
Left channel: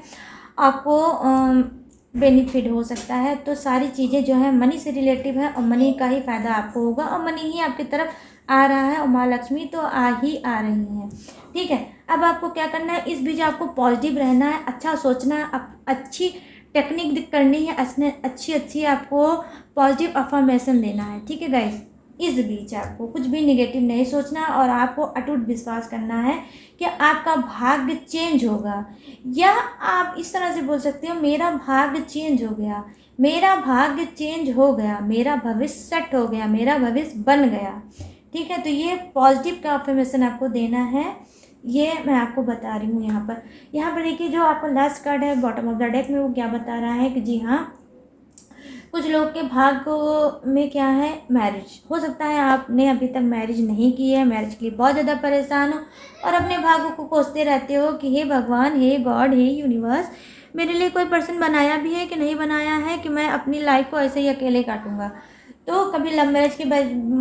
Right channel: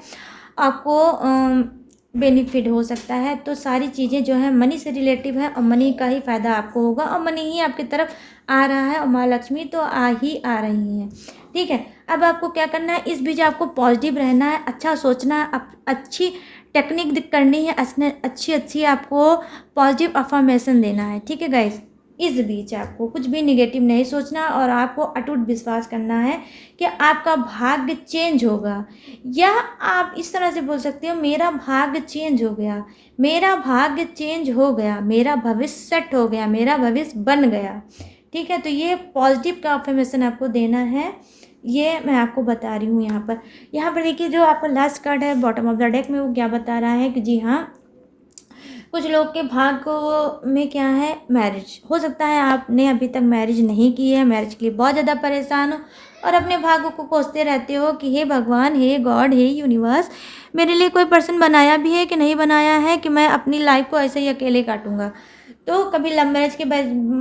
आपको बेनिफिट हो सकता है। तो सारी चीज़ें जो है मनी से रिलेटिव है और मनी का ही फ़ायदा आपको होगा और मनी ही आपकी तरफ आ रहा है और माँ लक्ष्मी तो आ रही हैं। ठीक है, अब आपको क्या करना है, इस बीच आपको पॉजिटिव रहना है, अच्छा सोचना है, अच्छी टेक्निक करनी है, अच्छी आपको पॉजिटिव अफर्मेशन देना है। ठीक है गाइस, इस बीच आपको कुछ भी निगेटिव नहीं सोचना और आपको अटूट विश्वास करना है कि आपका भाग्य चेंज होगा। या आप इस तरह से बोल सकते हो, मेरा भाग्य चेंज हो गया, मेरा भाग्य चेंज हो गया, मेरा भविष्य सेट हो गया, मेरा भविष्य बन गया। ठीक है, तो ये पॉजिटिव का अफर्मेशन आपको देना है, ये मैं आपको बता रही हूँ। यहाँ पर देखिए, जो आपका लास्ट कार्ड है बॉटम ऑफ द डेक में, वो क्या बता रहा है कि जी हाँ, कुछ लोग के भाग्य में क्या है, मैरिज हो सकता है। आपने अभी तक मैरिज नहीं की है, मैरिज के लिए बहुत ज़्यादा परेशान हो और अपने भाग्य को कोसते रहते हो कि हे भगवान, हे गॉड, हे यूनिवर्स, मेरे लिए कोई पर्सन बनाया भी है कि नहीं बनाया है कि मैं अपनी लाइफ को ऐसे ही अकेले काटूंगा। तो कभी लव मैरिज के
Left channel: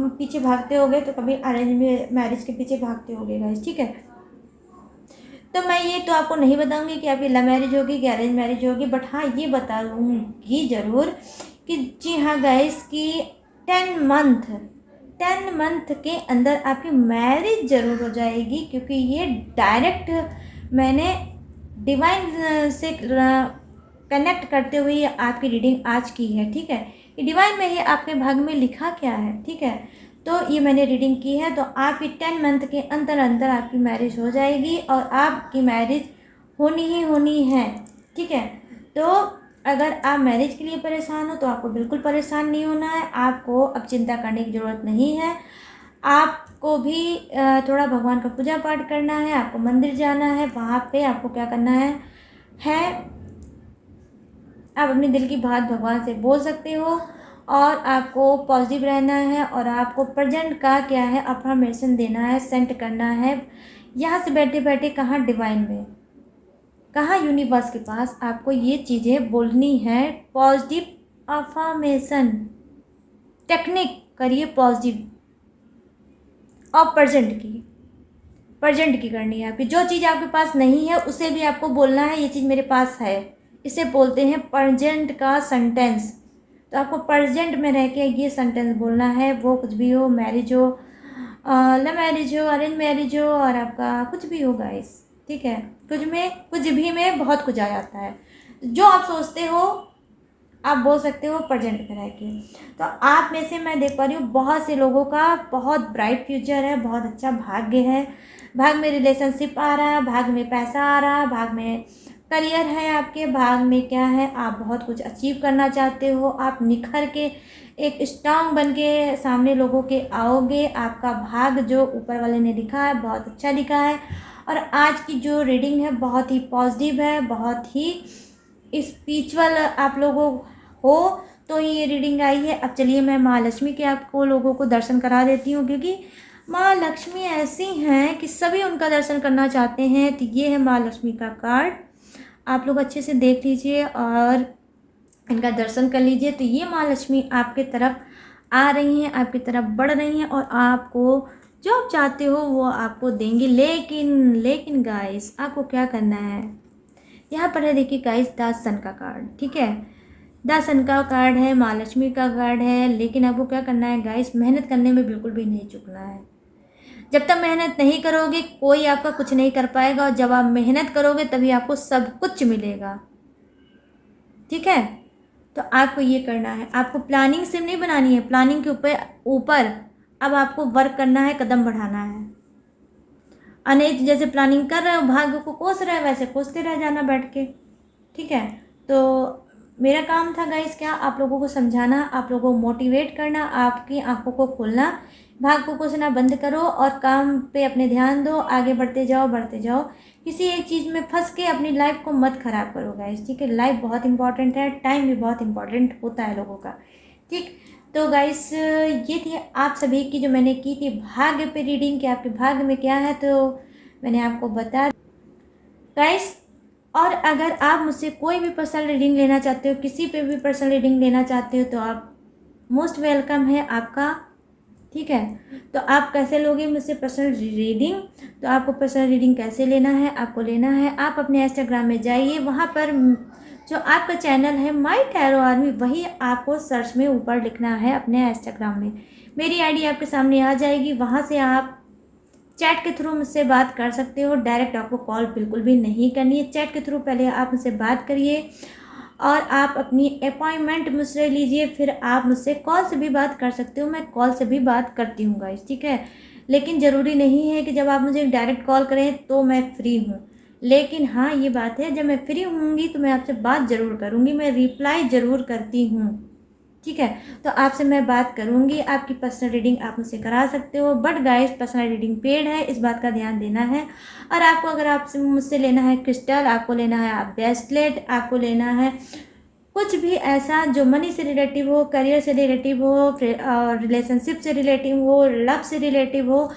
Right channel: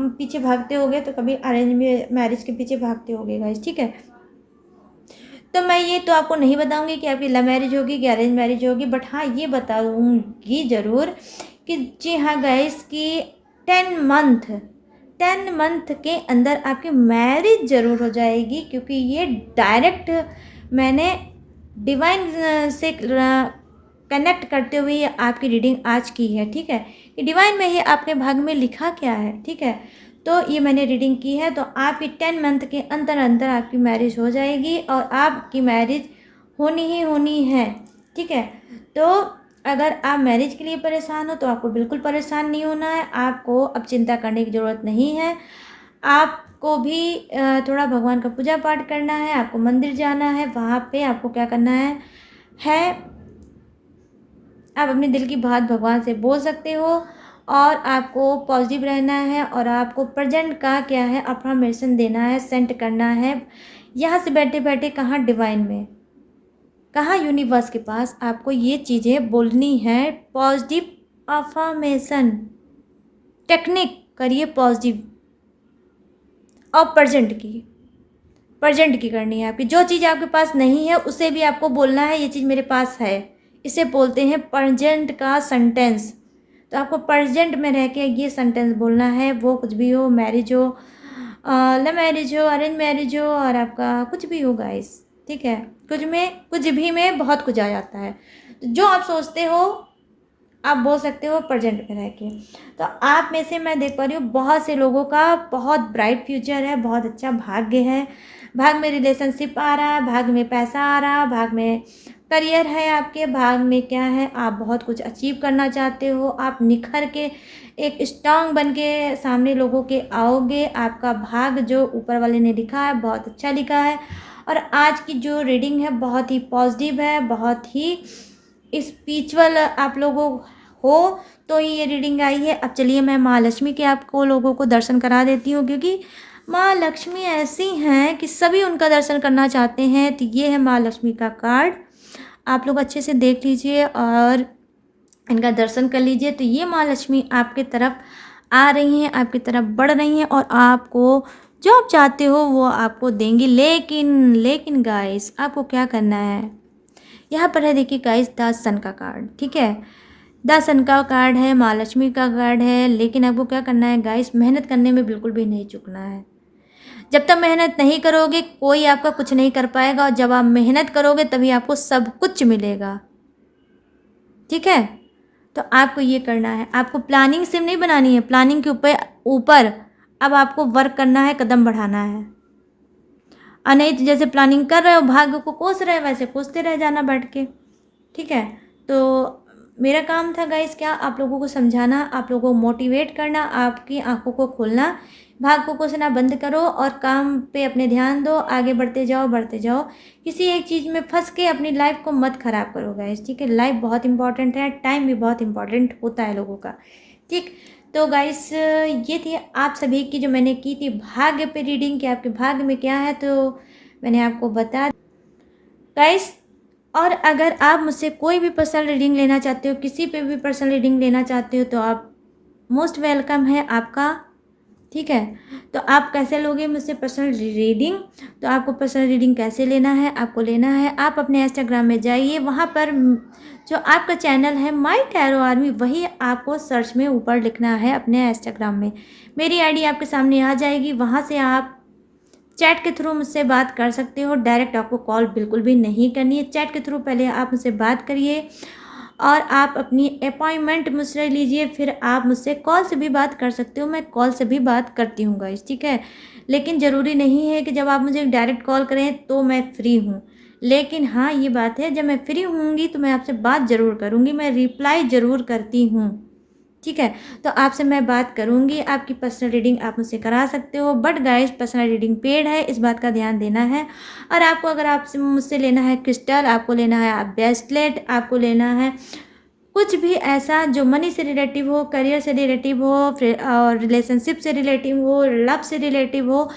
पीछे भागते होगे तो कभी अरेंज मैरिज के पीछे भागते होगे गाइस। ठीक है, तो मैं ये तो आपको नहीं बताऊंगी कि आपकी लव मैरिज होगी कि अरेंज मैरिज होगी, बट हाँ ये बताऊंगी ज़रूर कि जी हाँ गाइस की 10 मंथ के अंदर आपकी मैरिज ज़रूर हो जाएगी, क्योंकि ये डायरेक्ट मैंने डिवाइन से कनेक्ट करते हुए आपकी रीडिंग आज की है। ठीक है, कि डिवाइन में ही आपके भाग्य में लिखा क्या है। ठीक है, तो ये मैंने रीडिंग की है, तो आपकी 10 मंथ के अंदर अंदर आपकी मैरिज हो जाएगी और आपकी मैरिज होनी ही होनी है। ठीक है, तो अगर आप मैरिज के लिए परेशान हो तो आपको बिल्कुल परेशान नहीं होना है, आपको अब चिंता करने की ज़रूरत नहीं है। आप आपको भी थोड़ा भगवान का पूजा पाठ करना है, आपको मंदिर जाना है। वहाँ पे आपको क्या करना है आप अपने दिल की बात भगवान से बोल सकते हो और आपको पॉजिटिव रहना है और आपको प्रेजेंट का क्या है अफर्मेशन देना है, सेंड करना है। यहाँ से बैठे बैठे कहाँ डिवाइन में, कहाँ यूनिवर्स के पास आपको ये चीज़ें बोलनी है। पॉजिटिव अफर्मेशन टेक्निक करिए पॉजिटिव और प्रेजेंट की करनी है। आपकी जो चीज़ आपके पास नहीं है उसे भी आपको बोलना है ये चीज़ मेरे पास है। इसे बोलते हैं प्रेजेंट का सेंटेंस। तो आपको प्रेजेंट में रह के ये सेंटेंस बोलना है, वो कुछ भी हो, मैरिज हो, लव मैरिज हो, अरेंज मैरिज हो, और आपका कुछ भी हो गाइस, ठीक है। कुछ भी में बहुत कुछ आ जाता है। जो आप सोचते हो आप बोल सकते हो प्रेजेंट में रह के। तो आप में से मैं देख पा रही हूँ बहुत से लोगों का बहुत ब्राइट फ्यूचर है, बहुत अच्छा भाग्य है। भाग में रिलेशनशिप आ रहा है, भाग में पैसा आ रहा है, भाग में करियर है, आपके भाग में क्या है आप बहुत कुछ अचीव करना चाहते हो। आप निखर के एक स्ट्रांग बन के सामने लोगों के आओगे। आपका भाग जो ऊपर वाले ने लिखा है बहुत अच्छा लिखा है। और आज की जो रीडिंग है बहुत ही पॉजिटिव है, बहुत ही स्पिरिचुअल आप लोगों हो तो ही ये रीडिंग आई है। अब चलिए मैं माँ लक्ष्मी के आपको लोगों को दर्शन करा देती हूँ, क्योंकि माँ लक्ष्मी ऐसी हैं कि सभी उनका दर्शन करना चाहते हैं। तो ये है माँ लक्ष्मी का कार्ड, आप लोग अच्छे से देख लीजिए और इनका दर्शन कर लीजिए। तो ये माँ लक्ष्मी आपके तरफ आ रही हैं, आपकी तरफ बढ़ रही हैं और आपको जो आप चाहते हो वो आपको देंगी। लेकिन गाइस आपको क्या करना है, यहाँ पर है देखिए गाइस द सन का कार्ड, ठीक है। द सन का कार्ड है, माँ लक्ष्मी का कार्ड है। लेकिन आपको क्या करना है गाइस, मेहनत करने में बिल्कुल भी नहीं चूकना है। जब तक मेहनत नहीं करोगे कोई आपका कुछ नहीं कर पाएगा, और जब आप मेहनत करोगे तभी आपको सब कुछ मिलेगा, ठीक है। तो आपको ये करना है, आपको प्लानिंग सिर्फ नहीं बनानी है, प्लानिंग के ऊपर अब आपको वर्क करना है, कदम बढ़ाना है। और नहीं तो जैसे प्लानिंग कर रहे हो भाग्य को कोस रहे हो वैसे कोसते रह जाना बैठ के, ठीक है। तो मेरा काम था गाइस क्या, आप लोगों को समझाना, आप लोगों को मोटिवेट करना, आपकी आंखों को खोलना। भाग को कोसना बंद करो और काम पे अपने ध्यान दो, आगे बढ़ते जाओ। किसी एक चीज़ में फंस के अपनी लाइफ को मत खराब करो गाइस, ठीक है। लाइफ बहुत इंपॉर्टेंट है, टाइम भी बहुत इंपॉर्टेंट होता है लोगों का, ठीक। तो गाइस ये थी आप सभी की जो मैंने की थी भाग्य पे रीडिंग कि आपके भाग्य में क्या है, तो मैंने आपको बता गाइस। और अगर आप मुझसे कोई भी पर्सनल रीडिंग लेना चाहते हो, किसी पे भी पर्सनल रीडिंग लेना चाहते हो, तो आप मोस्ट वेलकम है आपका, ठीक है। तो आप कैसे लोगे मुझसे पर्सनल रीडिंग, तो आपको पर्सनल रीडिंग कैसे लेना है, आपको लेना है आप अपने इंस्टाग्राम में जाइए, वहाँ पर जो आपका चैनल है माय टैरो आर्मी वही आपको सर्च में ऊपर लिखना है अपने इंस्टाग्राम में। मेरी आईडी आपके सामने आ जाएगी, वहाँ से आप चैट के थ्रू मुझसे बात कर सकते हो। डायरेक्ट आपको कॉल बिल्कुल भी नहीं करनी है, चैट के थ्रू पहले आप मुझसे बात करिए और आप अपनी अपॉइंटमेंट मुझसे लीजिए, फिर आप मुझसे कॉल से भी बात कर सकते हो। मैं कॉल से भी बात करती हूँ गाइस, ठीक है। लेकिन ज़रूरी नहीं है कि जब आप मुझे डायरेक्ट कॉल करें तो मैं फ्री हूँ। लेकिन हाँ ये बात है जब मैं फ्री होंगी तो मैं आपसे बात ज़रूर करूँगी, मैं रिप्लाई ज़रूर करती हूँ, ठीक है। तो आपसे मैं बात करूँगी, आपकी पर्सनल रीडिंग आप मुझसे करा सकते हो। But guys personal reading paid है, इस बात का ध्यान देना है। और आपको अगर आपसे मुझसे लेना है क्रिस्टल, आपको लेना है आप ब्रेसलेट, आपको लेना है कुछ भी ऐसा जो मनी से रिलेटिव हो, करियर से रिलेटिव हो, फिर और रिलेशनशिप से रिलेटिव हो, लव से रिलेटिव हो,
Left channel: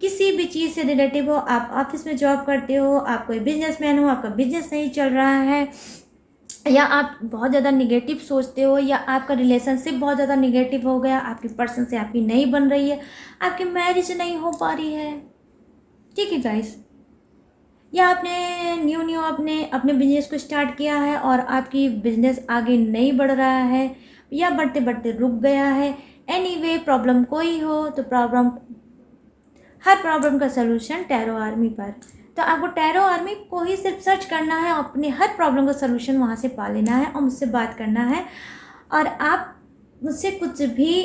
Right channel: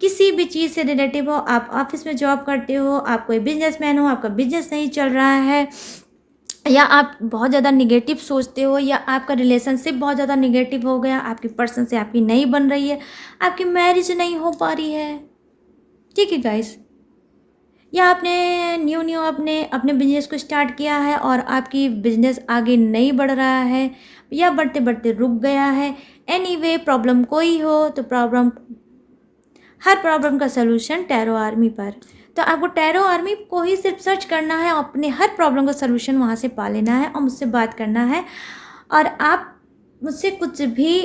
किसी भी चीज़ से रिलेटिव हो, आप ऑफिस में जॉब करते हो, आप कोई बिजनेसमैन हो, आपका बिजनेस नहीं चल रहा है, या आप बहुत ज़्यादा निगेटिव सोचते हो, या आपका रिलेशनशिप बहुत ज़्यादा निगेटिव हो गया, आपकी पर्सन से आपकी नहीं बन रही है, आपकी मैरिज नहीं हो पा रही है, ठीक है गाइस। या आपने न्यू अपने अपने बिजनेस को स्टार्ट किया है और आपकी बिजनेस आगे नहीं बढ़ रहा है, या बढ़ते बढ़ते रुक गया है। एनीवे प्रॉब्लम कोई हो तो हर प्रॉब्लम का सलूशन टैरो आर्मी पर। तो आपको टैरो आर्मी को ही सिर्फ सर्च करना है, अपने हर प्रॉब्लम का सलूशन वहाँ से पा लेना है और मुझसे बात करना है। और आप मुझसे कुछ भी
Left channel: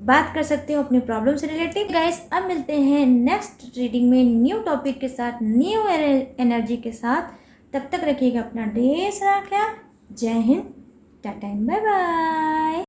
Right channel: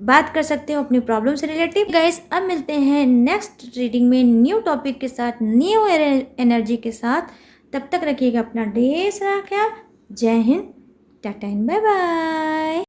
बात कर सकते हो अपनी प्रॉब्लम से रिलेटेड। गाइस अब मिलते हैं नेक्स्ट रीडिंग में न्यू टॉपिक के साथ, न्यू एनर्जी के साथ। तब तक रखिएगा अपना ढेर सारा ख्याल। जय हिंद, टाटा एंड बाय बाय।